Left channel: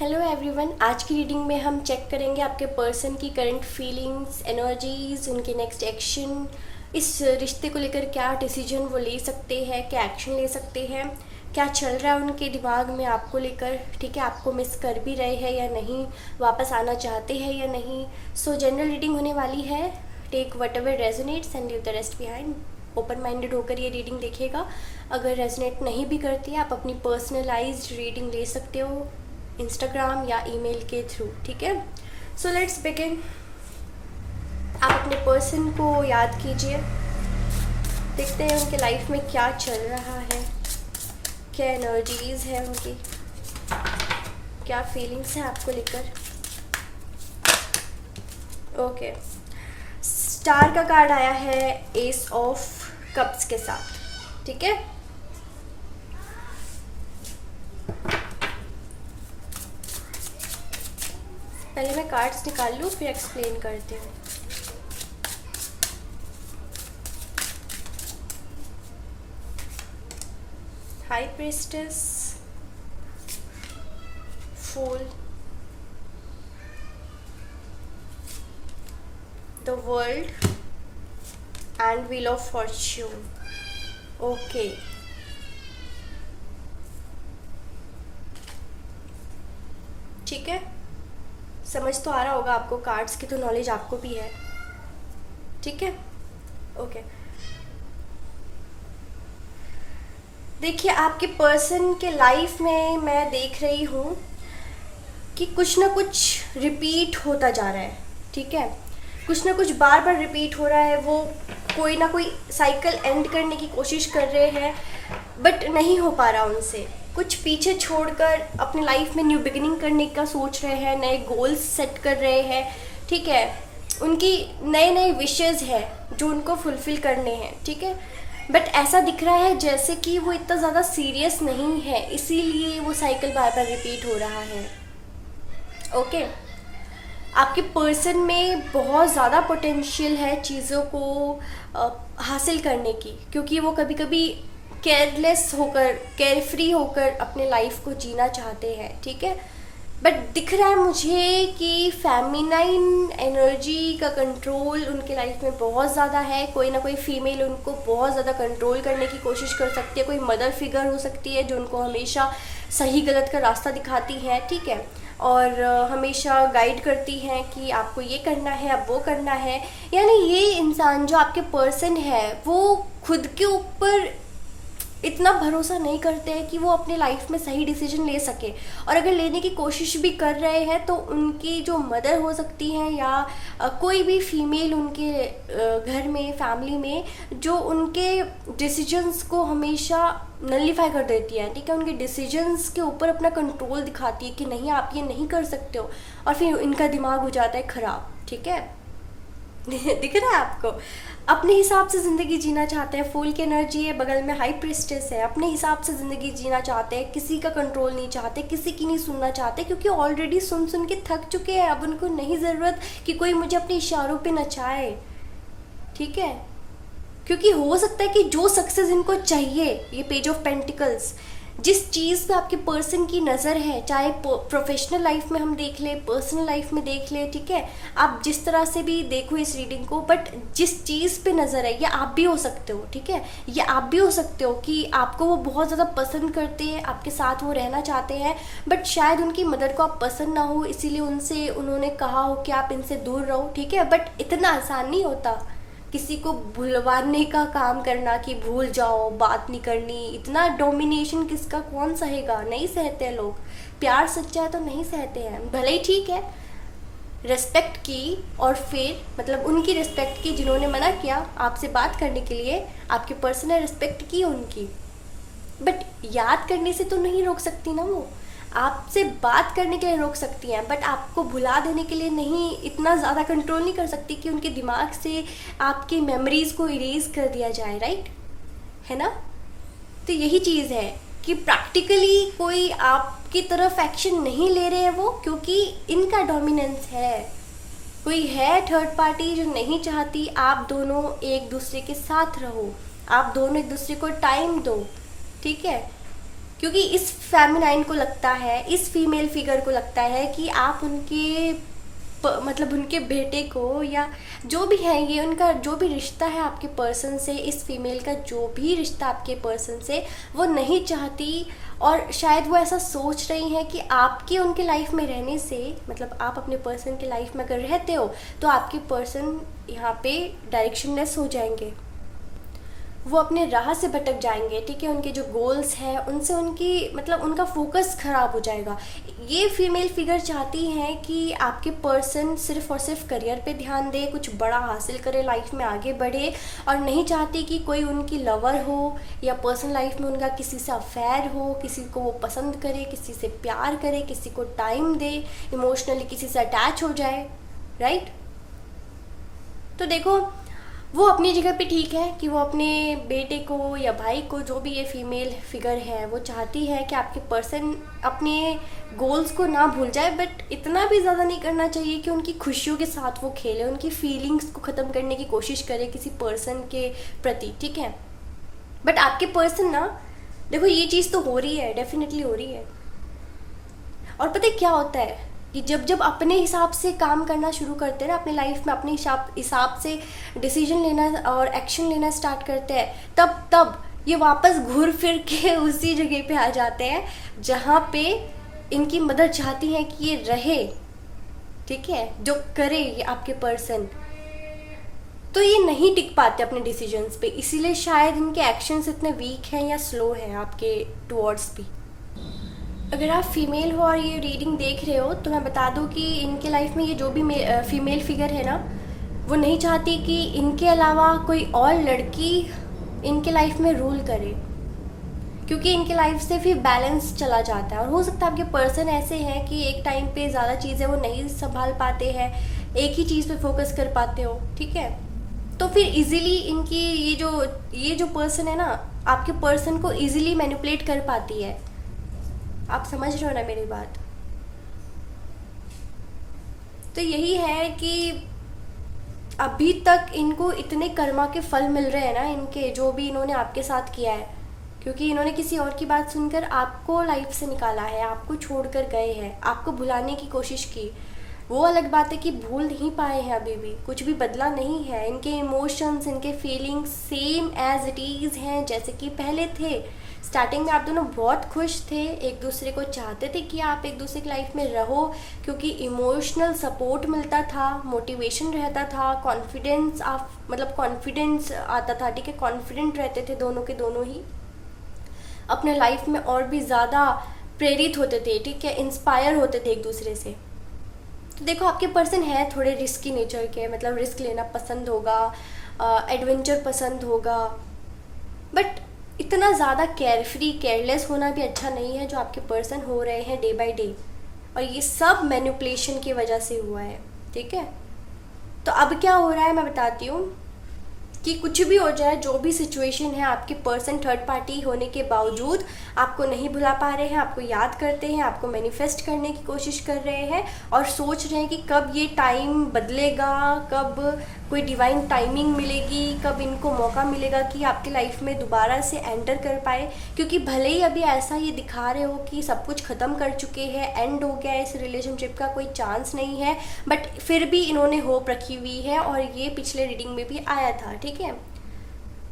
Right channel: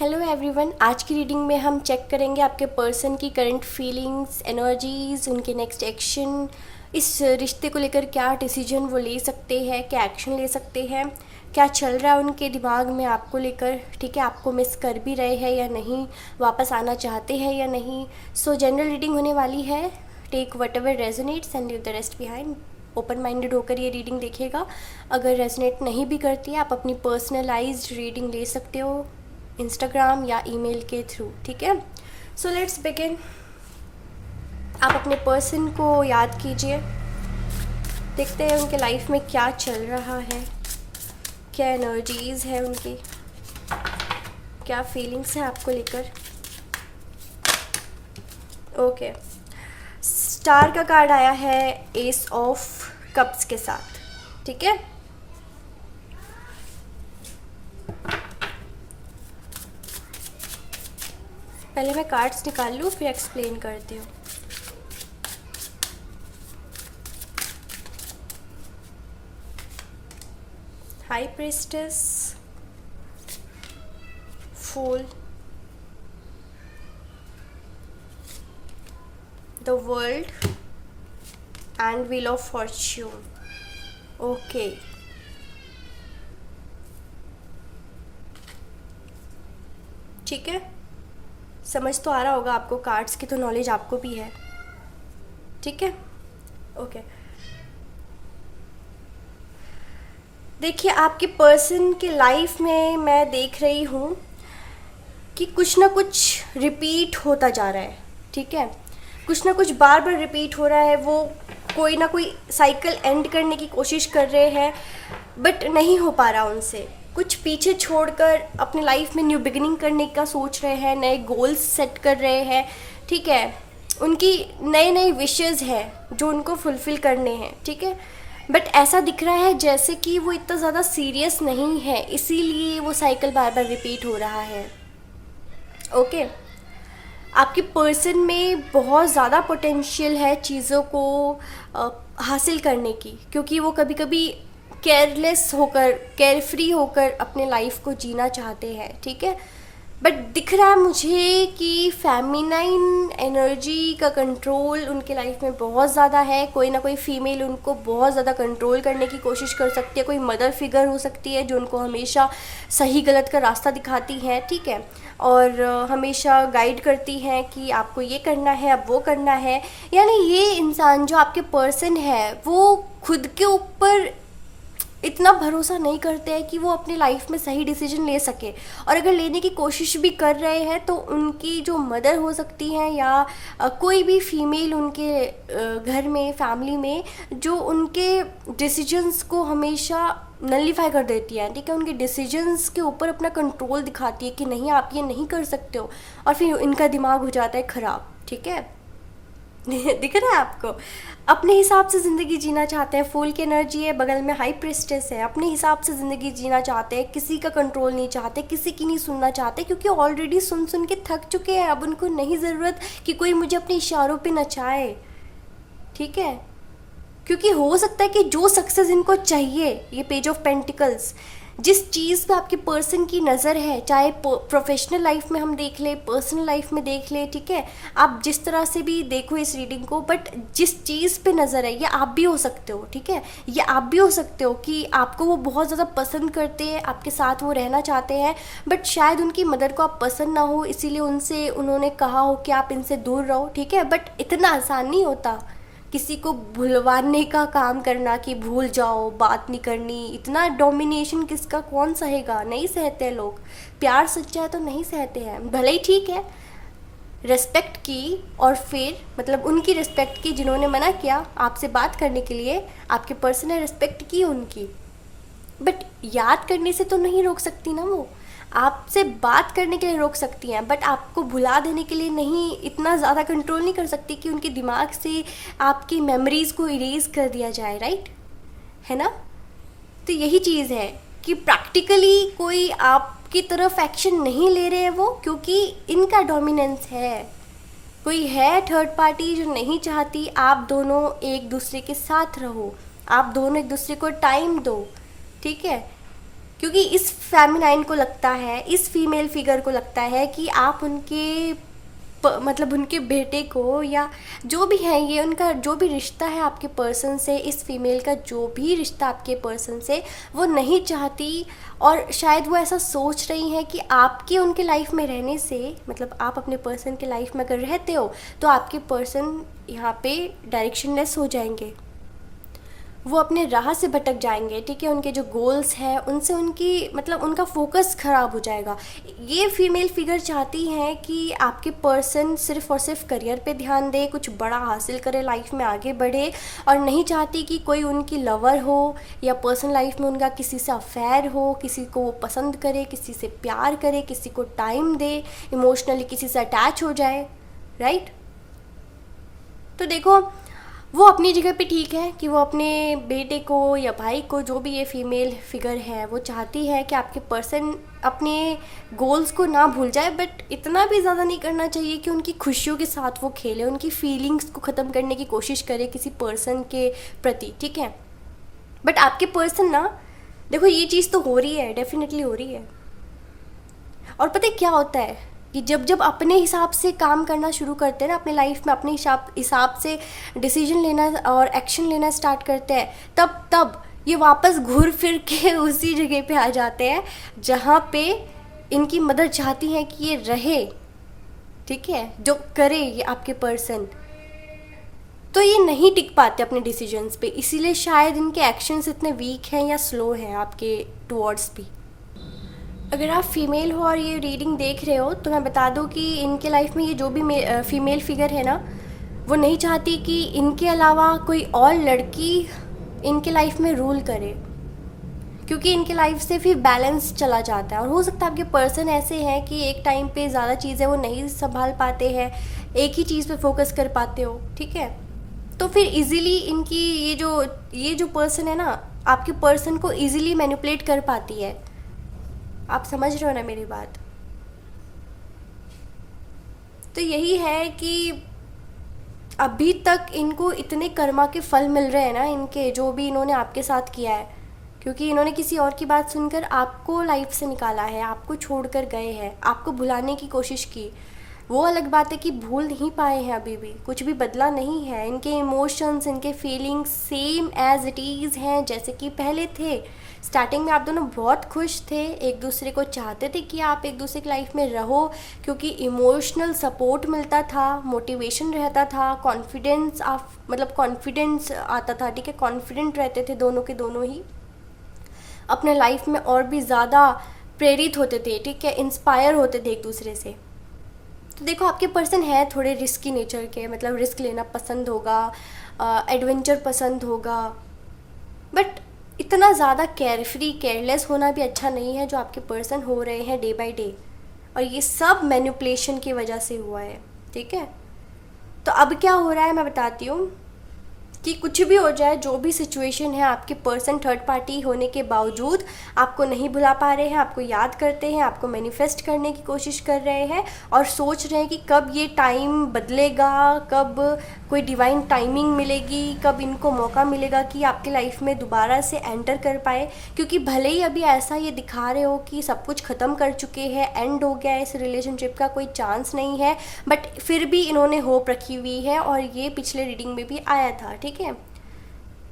Hello everyone, आज की reading में हम चेक करेंगे आपके पर्सन की करंट फीलिंग्स, एनर्जीज, उनके नेक्स्ट एक्शन, इस रिश्ते को लेकर क्या डिसीजन वो ले सकते हैं, क्या एक्शन ले सकते हैं, क्या चल रहा है उनके दिमाग में आपको लेकर। ठीक है, आपको मिस कर भी रहे हैं या नहीं, वापस आना चाहते हैं या नहीं। सो जनरल रीडिंग होने वाली है। Take whatever resonates and leave the rest behind. Open minded होकर ये रीडिंग देखिएगा। अगर रेजोनेट नहीं भी करती है, आप अपनी पर्सनलाइज्ड रीडिंग ले सकते हो इंस्टाग्राम या ईमेल के थ्रू। ठीक है, सो लेट्स बिगिन। आप अपने पर्सन को याद कीजिए, देखते हैं उनके लाइफ में क्या चल रहा है, क्या एनर्जीज है उनकी, क्या फीलिंग्स है आपको लेकर। ओके, स्टार का कार्ड आया है एस ऑफ कप्स के साथ। ठीक है, पहले मैं कार्ड्स निकाल लूँ फिर एक्सप्लेन करती हूँ। High priestess, fool, the world and wheel of fortune. Okay, ठीक है, समझ तो आ रहा होगा आपको, कार्ड्स की तो नॉलेज आपको भी है। ठीक है, ओके। देखिए, आपके पर्सन के लाइफ में मैं देख रही हूँ कि कुछ ना कुछ रिपीट होता जा रहा है। ठीक है, कुछ ना कुछ बार बार रिपीट हो रहा है। वो कोई ना कोई साइकिल एंड करने की कोशिश कर रहे हैं बट नहीं हो पा रहा उनसे। कुछ पीछे छोड़कर अपनी लाइफ में न्यू बिगिनिंग करने का सोच रहे हैं, नए गोल्स सेट कर रहे हैं। ठीक है, उनकी नई नई विशेस है जो उनको फुलफिल करने हैं। ठीक है, बट ऐसा दिख रहा है जैसे कि वो इतना ज़्यादा सीरियस नहीं है, इसीलिए वो साइकिल बार बार रिपीट हो रहा है। ओके, आपके पर्सन में बहुत ज़्यादा पोटेंशियल है चीज़ों को हासिल करने की, क्योंकि वो कभी कभी केयरलेस होकर, केयरफ्री होकर अपने लाइफ को जीना चाहते हैं। ठीक है, बट दिख रहा है मुझे कि फेमिनाइन एनर्जी का कंट्रोल उनके लाइफ में बहुत ज़्यादा है। कोई ना कोई फीमेल उनको बहुत ज़्यादा कंट्रोल करने की कोशिश कर सकती है। कोई मदर फिगर हो सकती है जो उनको हमेशा सही गलत का रास्ता दिखाती है। ठीक है, और हमेशा गाइड करती हैं कि आपको ये करना है, अब वो करना है। यानी ये इंसान जो आपके पर्सन है वो खुद के ऊपर इतना भरोसा नहीं करते हैं कि वो अपनी लाइफ में सही डिसीजन ले सके, और अगर लेने की कोशिश भी कर रहे हैं तो उनकी जो मदर हो सकती हैं या कोई भी फीमेल उनके घर में, फैमिली में, जो उनके डिसीजंस को हमेशा नलीफाई कर देती है। ठीक है, उनके डिसीजंस के ऊपर अपना कंट्रोल दिखाती है कि नहीं, आप ये नहीं कर सकते हो, और फिर इनका दिमाग हो जाता है ख़राब। ठीक है, दिख रहा है आपको, अपने हिसाब से ज़िंदगी जीना चाहते हैं। फूल की एनर्जी है, बगल में हाई प्रिस्टेस है। अपने हिसाब से ज़िंदगी जीना चाहते हैं, किसी का कंट्रोल नहीं चाहते, किसी की नहीं सुनना चाहते, क्योंकि ऑलरेडी सुन सुन के थक चुके हैं। अब उनको नहीं ज़रूरत कि कोई मुझे अपने इशारों पे नचाए। ठीक है, क्योंकि हो सकता है कि जो सक्सेस इनको चाहिए, ये पेज ऑफ पेंटिकल्स, जिस चीज़ पे आपके पर्सन की नज़र है, चाहे प्रोफेशनल लाइफ में हम देख ले, पर्सनल लाइफ में देख ले। ठीक है, आप जिस तरह से भी देखो इस रीडिंग को, बट जिस चीज़ पे नज़र है, ये आप भी हो सकते हो। ठीक है, ये आप भी हो सकते हो कि आपको वो बहुत ज़्यादा पसंद करते हैं, आपके साथ वो रहना चाहते हैं, बट शायद उनकी मदर को आप पसंद ना हो, इसीलिए उनसे उन्होंने कहा हो कि आप इनसे दूर रहो। ठीक है, बट इतना आसान नहीं होता किसी को भुलवाने का काम करना कि भूल जाओ, बात नहीं करनी। इतना डोमिनेशन किसका, कौन सहेगा? नहीं सहते लोग। प्यार सच्चा है तो नहीं सहते हैं। भले ही ठीक है, रिस्पेक्ट की, और फिर मतलब उनकी रिस्पेक्ट की जिन्होंने मना किया आपसे बात करने के लिए, आपके पर्सन ने रिस्पेक्ट की उनकी, बट याद करने से तो नहीं रोक सकती ना वो। आपसे बात करने के लिए रोक सकती हैं, बट आपको भुला देने के लिए नहीं, इतना ज़्यादा कंट्रोल नहीं कर सकती कि उनके दिमाग से आपकी मेमोरीज़ को इरेज कर दिया जाए। राइट है ना? तो यही चीज़ है कि प्रैक्टिकली कोई आपकी तरफ एक्शन नहीं ले रहे हैं वो, क्योंकि इनका डोमिनेंस है। कोई है थर्ड पार्टी जो नहीं चाहती आप दोनों एक दूसरे के साथ रहो, आप दोनों एक दूसरे को टाइम दो। ठीक है, क्योंकि इस फेमिनाइन को लगता है, इस फीमेल फिगर को लगता है कि आप उनके मतलब उनके बेटे को या जो भी है, ये उनका जो भी रिश्ता है आपके पर्सन से, इस फीमेल का जो भी रिश्ता आपके पर्सन से, वो नहीं चाहती। और शायद वो ऐसा सोच रही हैं कि आपकी उनके लाइफ में रहने से, मतलब आप अपने पर्सन के लाइफ में अगर रहते हो तो आपके पर्सन यहाँ पे डायरेक्शनलेस हो जाएंगे, वो अपने राह से भटक जाएंगे, ठीक है। उनके जो गोल्स हैं उनसे उनकी मतलब उनका फोकस ख़राब हो जाएगा। ये फीमेल फिगर चाहती हैं कि आपके पर्सन सिर्फ और सिर्फ करियर पे ध्यान दे, कुछ बड़ा हासिल करे, लाइफ में आगे बढ़े, और नहीं चाहती कि कोई उनकी लवर हो या पर्सनल लाइफ में उनका किसी से अफेयर हो, किसी को वो पसंद करे, किसी से प्यार करे, किसी को टाइम दे, इमोशनली किसी से अटैच हो जाए, राइट। तो देखो, वो अपनी जगह पे ठीक है कि वो अपने बेटे को या भाई को, जो भी ये फीमेल फिगर है, वो चाहती है कि आपके पर्सन अपने गोल्स को ना भूल जाए, बट इतना भी ज़्यादा नहीं करना चाहिए कि उनकी खुशियों के साथ वो खेले, उनकी फीलिंग्स को ख़त्म करने की कोशिश करे किसी पर्सन के प्रति, ठीक है। बट आपके पर्सन ना, देखो ये चीज़ तो हो रही है, डेफिनेटली हो रही है। और पता है क्या होता है कि जब जब अपने हिसाब से काम करना शुरू करते हैं ना, अपने लाइफ में अपने हिसाब से डिसीजन लेना और एक्शन लेना स्टार्ट करते हैं, तब तब ये वापस घूर फिर के उसी जगह पे आ जाते हैं जहाँ पे इनकी मदर चाहती है कि ये रहे, ठीक है, जो करे ये आपके पर्सन। तो ये नहीं टिक पाते अपने डिसीजंस पे, इसीलिए शायद इनके एक्शंस इतने वीक हैं या स्लो हैं आपके टुवर्ड्स भी। अगर आप फीमेल हो और ये रीडिंग देख रहे हो तो मैं बता दूं कि इनके लाइफ में ये जो भी फीमेल फिगर है ना, वो नहीं चाहती कि इनके अलावा कोई और लड़की इनके लाइफ में रूल करे, क्योंकि इनके लाइफ से फिर बैलेंस चला जाता है। और हो सकता है आपके पर्सन ऐसे हैं कि एक टाइम पे ज़्यादा चीज़ें वो नहीं संभाल पाते हैं, एक ही चीज़ पे फोकस कर पाते हो, ठीक है। तो फिर इजीली इनकी ये जो पर्सन है ना, आपके पर्सन को इजीली मैनिपुलेट कर पाती है। आप समझ रहे हो ना मेरी बात। तो यही है कि अभी तक इनको इतने कर्मा के फल मिल रहे हैं ना, इनके जो भी इन्होंने आपके साथ किया है, क्योंकि इन्होंने किसी और की बात सुनकर आपको लाइफ से निकाला है, आपको छोड़कर गए हैं, आपको भुलाने की कोशिश की। वो अलग बात है कि भूल नहीं पाए हैं, अभी भी कुछ भी बदला नहीं है। इनके इमोशंस, इनके feelings same as it is हैं जैसे कि पहले थे। स्टार्टिंग में आप दोनों बहुत खुश थे, एक दूसरे को चाहते थे कि आप एक दूसरे की लाइफ में रहो, क्योंकि इमोशनल सपोर्ट मिलता था, मोटिवेशन रहता था, कॉन्फिडेंस मतलब कॉन्फिडेंस आता था, ठीक है। कॉन्फिडेंट रहते थे दोनों के दोनों ही, अपने लाइफ में और भी ज़्यादा प्रेरित होते थे, ठीक है, इंस्पायर होते थे एक दूसरे से। तो देखो, आपके पर्सन है थोड़े रिस्की नेचर के, मतलब रिस्क लेना पसंद होगा, एडवेंचर पसंद होगा, बट इतना ज़्यादा केयरफ्री केयरलेस होना भी अच्छा नहीं है जो आपके पर्सन हो रहे हैं डे बाय डे। और ये सब मैनिपुलेशन की वजह से हुआ है, ठीक है। तो अब क्या हो रहा है मैं बताती हूँ कि कुछ भी हो जाए, जो भी सिचुएशन है, आपके पर्सन थर्ड पार्टी होने के बावजूद आपको नहीं भुला पा रहे हैं, आपको याद करते हैं, आपको मैनिफेस्ट करने की कोशिश कर रहे हैं और सोच रहे हैं कि कब ये टाइम बदलेगा, कब कोई डिवाइन टाइमिंग मिलेगी, कब इनको मौका मिलेगा कि आपकी लाइफ में दोबारा से एंटर कर पाए। क्योंकि भले ही अभी ऐसा ये दिखा रहे हो कि सब कुछ ख़त्म कर चुके हैं, एंड हो गया है, इस रिलेशनशिप का कोई चांस नहीं है, बट फिर भी इन्होंने होप रखी हुई है। और ये पिछले रीडिंग में भी आया था, ठीक है,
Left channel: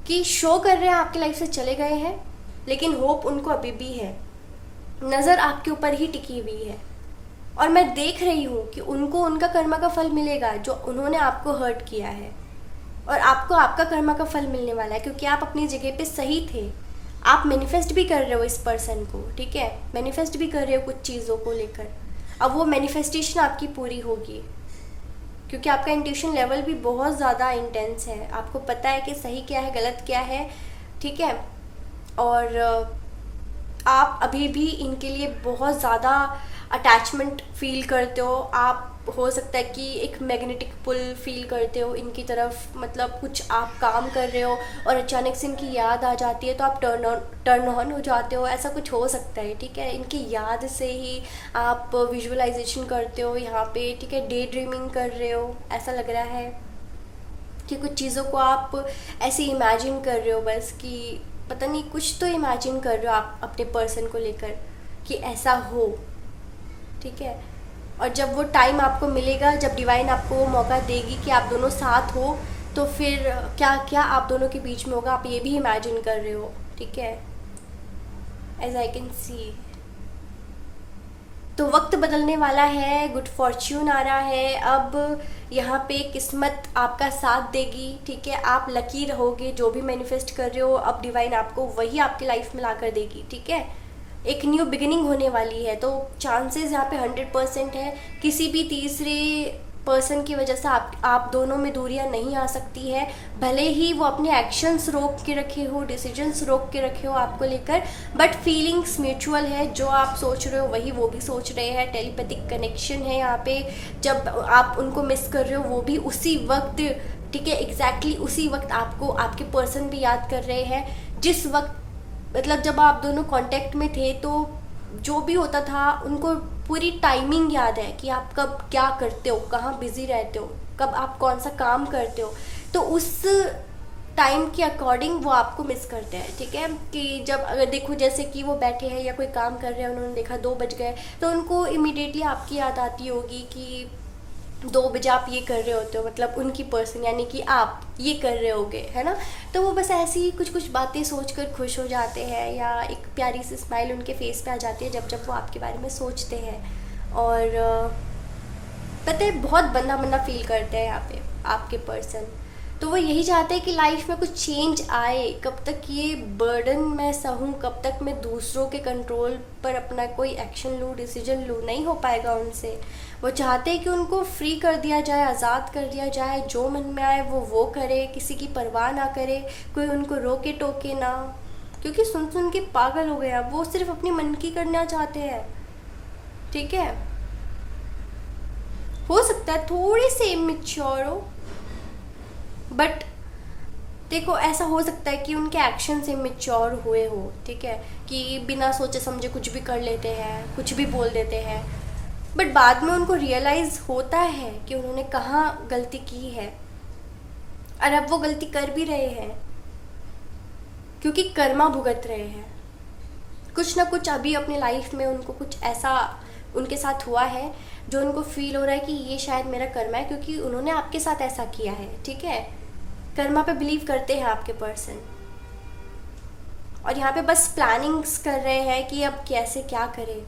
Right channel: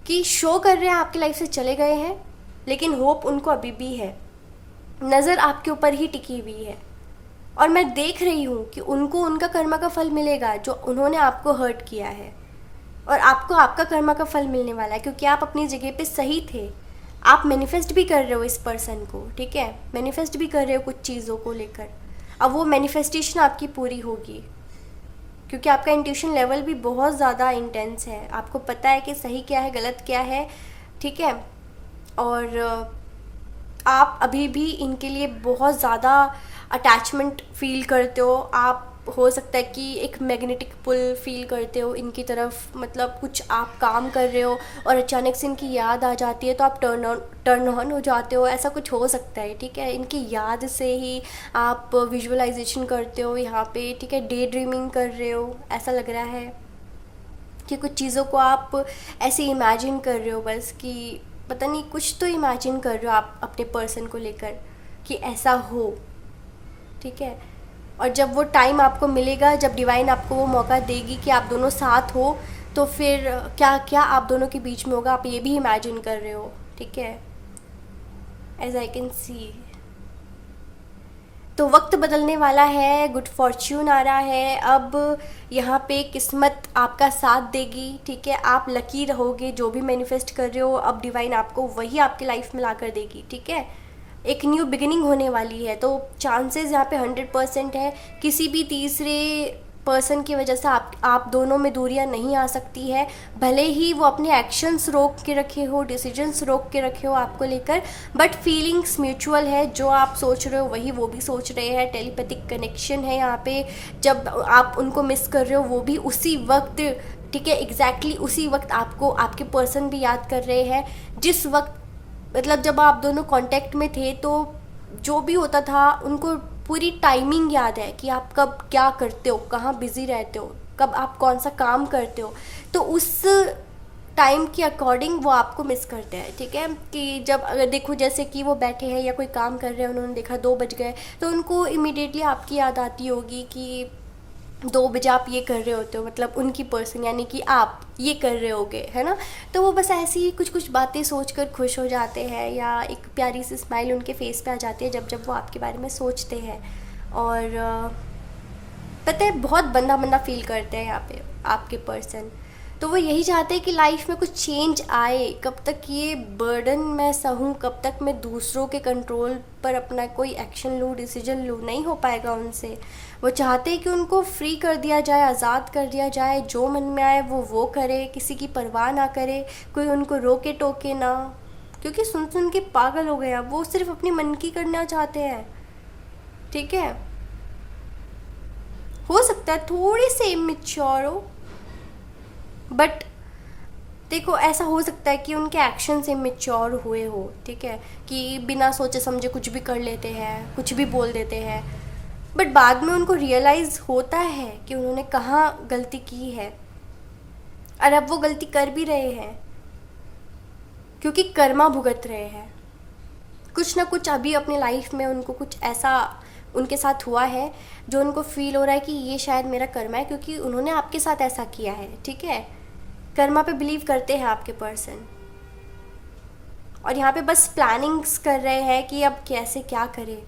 कि शो कर रहे हैं आपकी लाइफ से चले गए हैं, लेकिन होप उनको अभी भी है, नज़र आपके ऊपर ही टिकी हुई है। और मैं देख रही हूँ कि उनको उनका कर्मा का फल मिलेगा जो उन्होंने आपको हर्ट किया है, और आपको आपका कर्मा का फल मिलने वाला है, क्योंकि आप अपनी जगह पे सही थे। आप मैनिफेस्ट भी कर रहे हो इस पर्सन को, ठीक है, मैनिफेस्ट भी कर रहे हो कुछ चीज़ों को लेकर। अब वो मैनिफेस्टेशन आपकी पूरी होगी, क्योंकि आपका इंट्यूशन लेवल भी बहुत ज़्यादा इंटेंस है, आपको पता है कि सही क्या है, गलत क्या है, ठीक है। और आप अभी भी इनके लिए बहुत ज़्यादा अटैचमेंट फील करते हो। आप हो सकता है कि एक मैग्नेटिक पुल फील करते हो इनकी तरफ, मतलब कुछ आप काम कर रहे हो और अचानक से इनकी याद आ जाती है तो आप टर्न ऑन हो जाते हो, ऐसा कुछ हो सकता है, ठीक है। इनकी याद से ही आप विजुअलाइजेशन करते हो यहाँ पे, ठीक है, डे ड्रीमिंग कर रहे हो, ऐसा लग रहा है कि कुछ चीज़ों को आप ऐसे इमेजिन कर रहे हो बस कि पता नहीं कुछ तो इमेजिन कर रहे हो आप अपने पर्सन को लेकर कि ऐसा हो, ठीक है। और जब वो टाइम आपको मिलेगा, जब डिवाइन आपको वो मौका देगी कि आप दोनों साथ हो, तो फिर क्या क्या आप दोनों के बीच में होगा, आप ये भी इमेजिन कर रहे हो, ठीक है, एज आई कैन सी। तो वक्त बदलने वाला है, गुड फॉर्च्यून आ रहा है, अब यहाँ पे किस्मत आपका साथ देगी, ठीक है। आप लकी रहोगे, जो भी मैनिफेस्ट कर रहे हो अब डिवाइन आपको वही आपकी लाइफ में ला कर देगी, ठीक है। एक न्यू बिगिनिंग होने वाली है, तो चांसेस यहाँ पे 100% है। किसी भी तीसरे पर्सन की वजह से आप दोनों में दूरियां नहीं आ सकती है, भले ही वो अपने एक्शंस रोक के रखे हो, डिसीजंस रोक के रखे हो आपको लेकर, बट फीलिंग्स म्यूचुअल है। जो आप सोच रहे हो वही वो भी सोच रहे हैं, टेलीपैथिक कनेक्शन है यहाँ पे। जब आप उनको मिस कर रहे हो वो भी उसी वक्त, ठीक है, एग्जैक्टली उसी वक्त आपको आपके पर्सन भी याद कर रहे हैं। जिस वक्त मतलब जब आप दोनों कांटेक्ट में थे, तो जो भी होता था उनको पूरी टाइमिंग याद है कि आप कब क्या करते हो, कहाँ बिजी रहते हो, कब आप कौन सा काम करते हो, तो उस टाइम के अकॉर्डिंग वो आपको मिस करते हैं, ठीक है। कि जब अगर देखो जैसे कि वो बैठे हैं या कोई काम कर रहे हैं, उन्होंने देखा 2 बज गए, तो उनको इमीडिएटली आपकी याद आती होगी कि 2 बजे आप ये कर रहे होते हो, मतलब उनकी पर्सन यानी कि आप ये कर रहे होगे, है ना। तो वो बस ऐसी ही कुछ कुछ बातें सोचकर खुश हो जाते हैं, या एक प्यारी सी स्माइल उनके फेस पे आ जाती है जब जब वो आपके बारे में सोचते हैं। और पता है बहुत बंदा बंदा फील करते हैं यहाँ पे आपके पर्सन। तो वो यही चाहते हैं कि लाइफ में कुछ चेंज आए। कब तक ये बर्डन मैं सहूँ, कब तक मैं दूसरों के कंट्रोल पर अपना कोई एक्शन लूँ, डिसीजन लूँ, नहीं हो पाएगा उनसे। वो चाहते हैं कि उनको फ्री कर दिया जाए, आज़ाद कर दिया जाए, जो मन में आए वो करे, किसी की परवाह ना करे, कोई उनको रोके टोके ना, क्योंकि सुन सुन के पागल हो गए अब। वो सिर्फ अपनी मन की करना चाहते हैं, ठीक है। हो सकता है थोड़े से इमेच्योर हो, बट देखो ऐसा हो सकता है कि उनके एक्शन से इमेच्योर हुए हो, ठीक है, कि बिना सोचे समझे कुछ भी कर लेते हैं, कुछ भी बोल देते हैं, बट बाद में उनको रियलाइज़ होता है कि उन्होंने कहाँ गलती की है, और अब वो गलती कर भी रहे हैं क्योंकि कर्मा भुगत रहे हैं। कुछ ना कुछ अभी अपने लाइफ में उनको कुछ ऐसा उनके साथ हुआ है जो उनको फील हो रहा है कि ये शायद मेरा कर्मा है, क्योंकि उन्होंने आपके साथ ऐसा किया है, ठीक है। कर्मा पे बिलीव करते हैं आपके पर्सन, और यहाँ पे बस प्लानिंग्स कर रहे हैं कि अब कैसे क्या करें।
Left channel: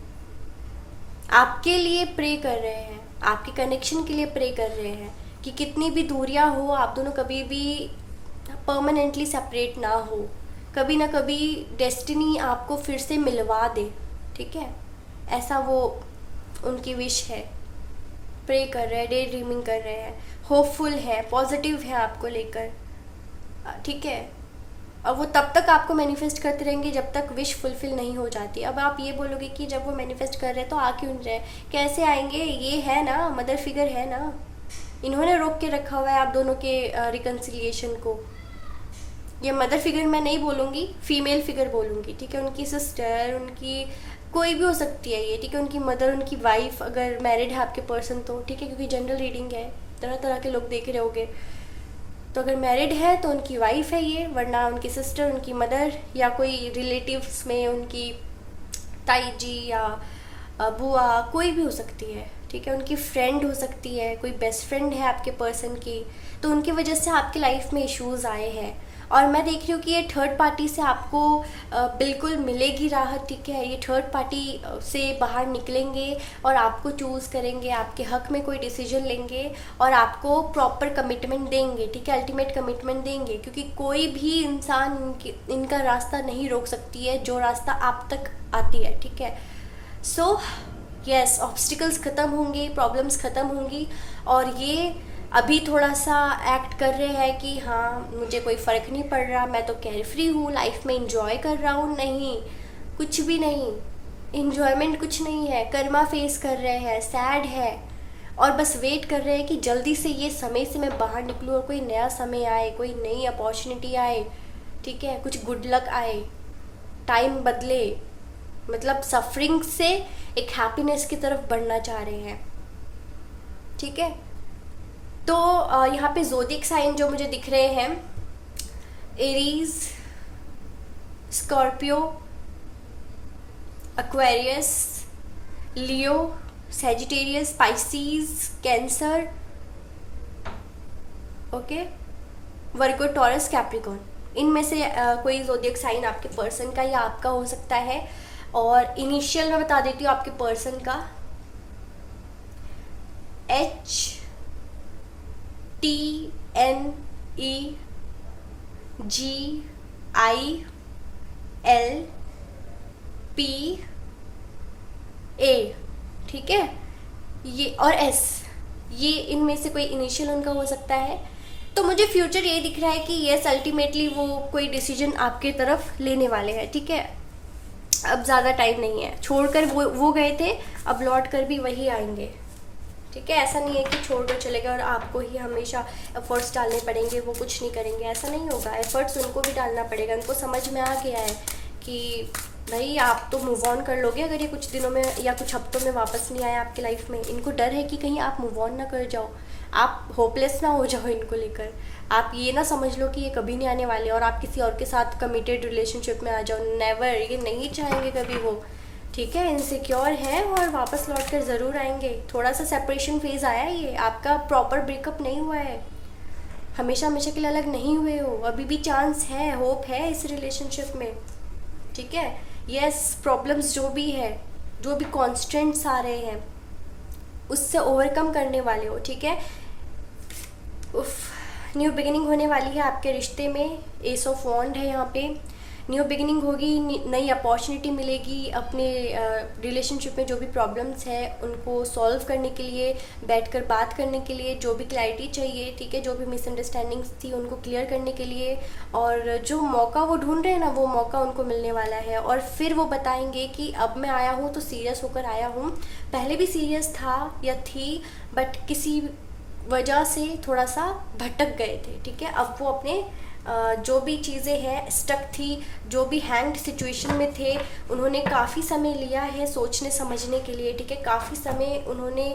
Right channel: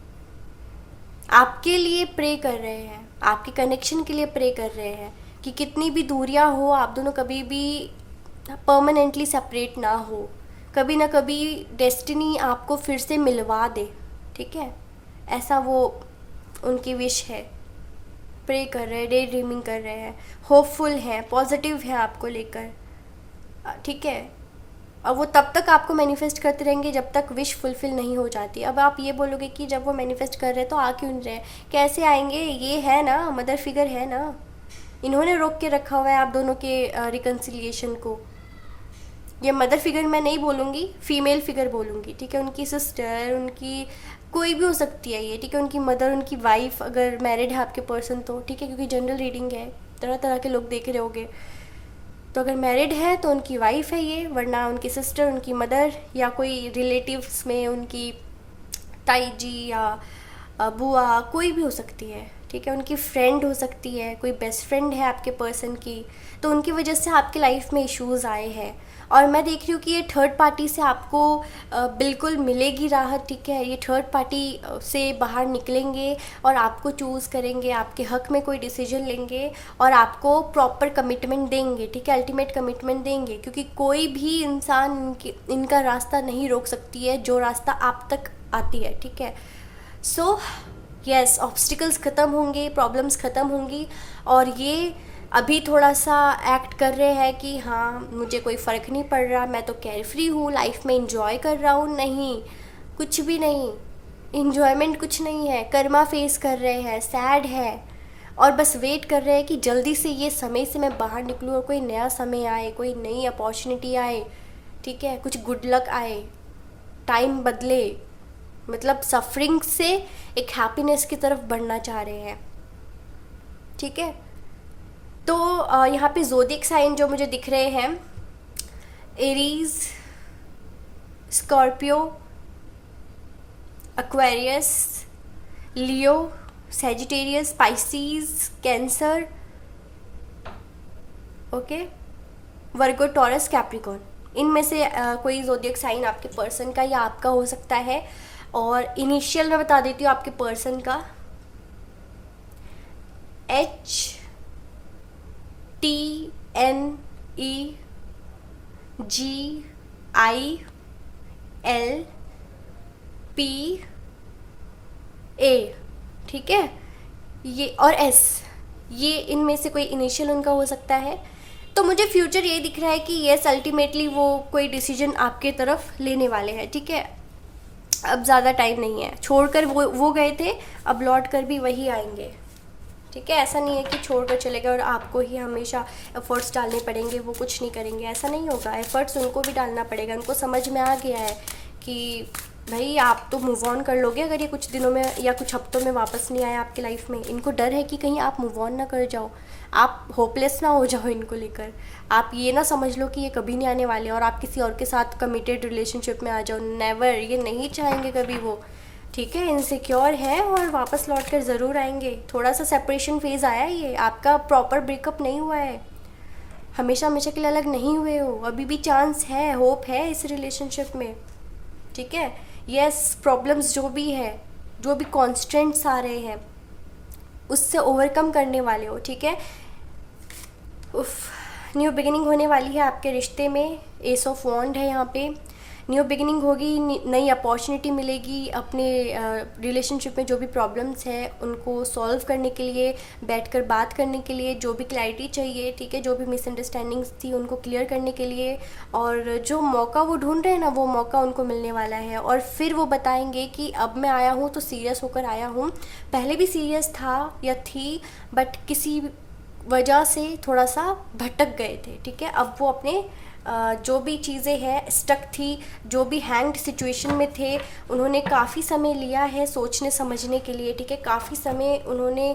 आपके लिए प्रे कर रहे हैं, आपके कनेक्शन के लिए प्रे कर रहे हैं कि कितनी भी दूरियां हो, आप दोनों कभी भी परमानेंटली सेपरेट ना हो, कभी ना कभी डेस्टिनी आपको फिर से मिलवा दे, ठीक है। ऐसा वो उनकी विश है। प्रे कर रहे हैं, डे ड्रीमिंग कर रहे हैं, होपफुल है, पॉजिटिव है आपको लेकर, ठीक है। और वो तब तक आपको मैनिफेस्ट करते रहेंगे जब तक विश फुलफिल नहीं हो जाती। अब आप ये बोलोगे कि जब वो मैनिफेस्ट कर रहे हैं तो आ क्यों नहीं रहे, कैसे आएंगे, ये है ना मदर फिगर है ना, इन्होंने रोक के रखा हुआ है आप दोनों के रिकन्सिलिएशन को। ये मदर फिगर मैं नहीं बोलूँगी, फीमेल फिगर बोलूँगी, ठीक है। उनकी सिस्टर, उनकी कोई भी हो सकती है ये, ठीक है। उनकी मदर, उनकी वाइफ, अगर मैरिड है आपके पर्सन तो ठीक है, क्योंकि जनरल रीडिंग है, तरह तरह के लोग देख रहे होंगे। तो अगर मैरिड है तो उनकी वाइफ है ये, वरना उनकी सिस्टर, उनकी मदर, या कोई रिलेटिव्स में उनकी ताई जी या बुआ, कोई भी हो सकती है, ठीक है। उनकी फ्रेंड हो सकती है, कोई बेस्ट फ्रेंड है आपके पर्सन की, तो उनकी वजह से आपके लाइफ में इश्यूज़ आए हैं। और मैं देख रही हूँ कि ये थर्ड पार्टी से आपको बिल्कुल मिलेगी राहत, ठीक है। ये थर्ड पार्टी से बाहर निकलेंगे और आपको चूज़ करेंगे, आपके हक में कोई डिसीजन लेंगे और आपको प्रॉपर कमिटमेंट देंगे, ठीक है, अल्टीमेट कमिटमेंट देंगे, क्योंकि कोई भी इंसान इनका रास्ता नहीं रोक सकती है जो रास्ता आप तक आती है, ठीक है। सो यस, ऑब्स्टिकल्स ख़त्म होंगे, प्रॉब्लम्स ख़त्म होंगी, और ये अभी थोड़ा सा एक्ट कर रहे हैं कि हाँ मुझे कोई फ़र्क नहीं पड़ रहा, मैं तो कैर फ्री हूँ, लाइफ में इंजॉय कर रहा हूँ। नहीं, कुछ भी नहीं, इंजॉयमेंट कुछ नहीं है, कर्मा फेस कर रहे हैं, सैड है, और बस वेट कर रहे हैं कि जल्दी से ये समय से मैं बाहर निकलूँ और कोई नया समय आए, कोई नई अपॉर्चुनिटी आए, ठीक है, कुछ गुड लक आए, टाइम बदले, मतलब सफरिंग से एक हैप्पीनेस की तरफ बढ़ना चाह रहे हैं, ठीक है। तो यहाँ पे ज़ोडिएक साइन जो मुझे दिख रहे हैं, एरीज, स्कॉर्पियो, एक्वेरियस, लियो, सैजिटेरियस, स्पाइसीज, कैंसर, ओके, वर्गो, टॉरस, कैप्रिकॉर्न। इनमें से कोई ज़ोडिएक साइन आपके पर्सन का या आपका हो सकता है। और इनिशियल मैं बता देती हूँ आपके पर्सन का, HTNEGILPA, ठीक है, ये और S, ये इनमें से कोई इनिशियल उनका हो सकता है। तो मुझे फ्यूचर ये दिख रहा है कि यस अल्टीमेटली वो कोई डिसीजन आपके तरफ लेने वाले हैं, ठीक है। अब ज़्यादा टाइम नहीं है, छोड़कर वो गए थे, अब लौट कर भी वही आएंगे, ठीक है। ऐसा नहीं है कि छोड़कर चले गए और आपको ही हमेशा एफर्ट्स डालने पड़ेंगे, वो कुछ नहीं करेंगे, ऐसा नहीं होगा। एफर्ट्स उनको भी डालना पड़ेगा। उनको समझ में आ गया है कि भाई आप तो मूव ऑन कर लोगे अगर ये कुछ दिनों में या कुछ हफ्तों में वापस नहीं आए आपकी लाइफ में। इनको डर है कि कहीं आप मूव ऑन ना कर जाओ, आप होपलेस ना हो जाओ इनको लेकर। आप ये ना समझ लो कि ये कभी नहीं आने वाले और आप किसी और के साथ कमिटेड रिलेशनशिप में आ जाओ। नेवर, ये नहीं चाहेंगे कभी वो, ठीक है। इनसिक्योर है और वापस लौट कर ज़रूर आएंगे। थोड़ा सा सेपरेशन फेज़ आया है, ये आपका प्रॉपर ब्रेकअप नहीं हुआ है, हमेशा हमेशा के लिए अलग नहीं हुए हो। अभी भी चांस है, होप है इस रिलेशनशिप में, ठीक है। यस, प्रॉब्लम्स जो भी है, जो भी कॉन्स्टेंट्स आ रहे हैं उससे ओवरकम करने वाले हो, ठीक है। उफ, न्यू बिगिनिंग होने वाली है आपके रिश्ते में। एस ऑफ वॉन्ड है यहाँ पे। न्यू बिगिनिंग होगी, नई अपॉर्चुनिटी मिलेगी अपने रिलेशनशिप में। जो भी प्रॉब्लम्स हैं उनको सॉल्व करने के लिए, बैठकर बात करने के लिए, जो भी क्लैरिटी चाहिए, ठीक है, जो भी मिसअंडरस्टैंडिंग्स थी उनको क्लियर करने के लिए, और जो मौका वो ढूंढ रहे हैं ना, वो मौका उनको मिलने वाला है। और फिर वो बताएंगे कि अब मैं आया हूँ तो सीरियस होकर आया हूँ, पहले भी सीरियस था या थी, बट किसी वजह से थोड़ा सा भटक गए थे, ठीक है। अब वो अपने जो भी चीज़ें हैं स्टक थी, जो भी हैंग्ड सिचुएशन में थे, उन्होंने काफ़ी समय लिया है सोचने समझने के लिए, ठीक है। काफ़ी समय उन्होंने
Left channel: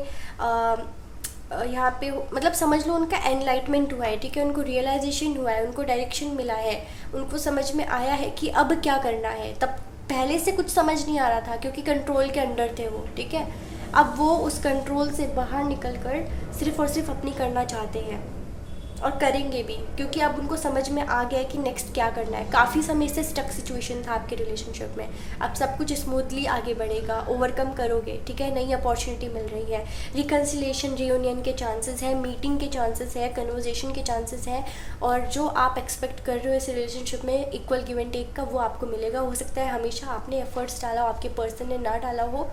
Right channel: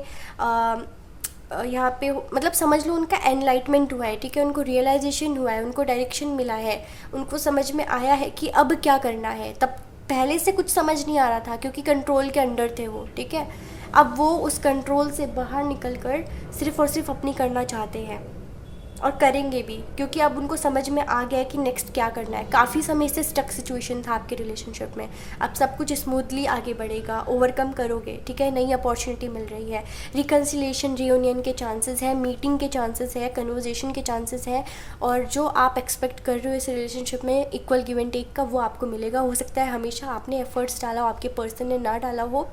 यहाँ पे मतलब समझ लो उनका एनलाइटमेंट हुआ है, ठीक है। उनको रियलाइजेशन हुआ है, उनको डायरेक्शन मिला है, उनको समझ में आया है कि अब क्या करना है। तब पहले से कुछ समझ नहीं आ रहा था क्योंकि कंट्रोल के अंडर थे वो, ठीक है। अब वो उस कंट्रोल से बाहर निकल कर सिर्फ और सिर्फ अपनी करना चाहते हैं और करेंगे भी, क्योंकि अब उनको समझ में आ गया है कि नेक्स्ट क्या करना है। काफ़ी समय से स्टक सिचुएशन था आपके रिलेशनशिप में, अब सब कुछ स्मूथली आगे बढ़ेगा, ओवरकम करोगे, ठीक है। नई अपॉर्चुनिटी मिल रही है, रिकन्सिलिएशन, रियूनियन के चांसेस हैं, मीटिंग के चांसेस है, कन्वर्जेशन के चांसेस हैं, और जो आप एक्सपेक्ट कर रहे हो इस रिलेशनशिप में इक्वल गिव एंड टेक का, वो आपको मिलेगा। हो सकता है हमेशा आपने एफर्ट्स डाला हो, आपके पर्सन ने ना डाला हो।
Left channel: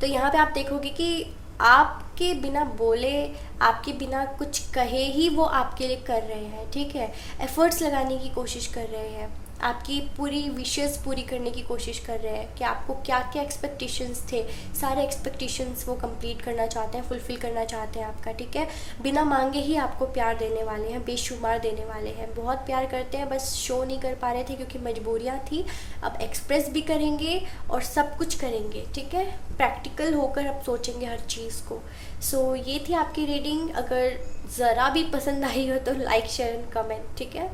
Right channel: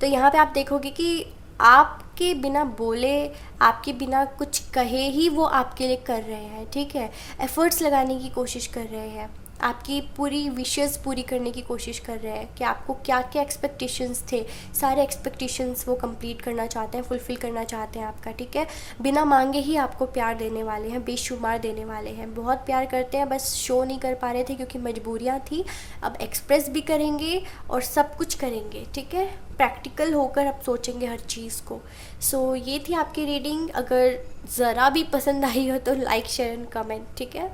तो यहाँ पे आप देखोगे कि आपके बिना बोले, आपके बिना कुछ कहे ही वो आपके लिए कर रहे हैं, ठीक है। एफर्ट्स लगाने की कोशिश कर रहे हैं, आपकी पूरी विशेस पूरी करने की कोशिश कर रहे हैं कि आपको क्या क्या एक्सपेक्टेशंस थे, सारे एक्सपेक्टेशंस वो कंप्लीट करना चाहते हैं, फुलफ़िल करना चाहते हैं आपका, ठीक है। बिना मांगे ही आपको प्यार देने वाले हैं, बेशुमार देने वाले हैं, बहुत प्यार करते हैं, बस शो नहीं कर पा रहे थे क्योंकि मजबूरियाँ थी। अब एक्सप्रेस भी करेंगे और सब कुछ करेंगे, ठीक है। प्रैक्टिकल होकर अब सोचेंगे हर चीज़ को। सो ये थी आपकी रीडिंग। अगर ज़रा भी पसंद आई हो तो लाइक, शेयर एंड कमेंट, ठीक है।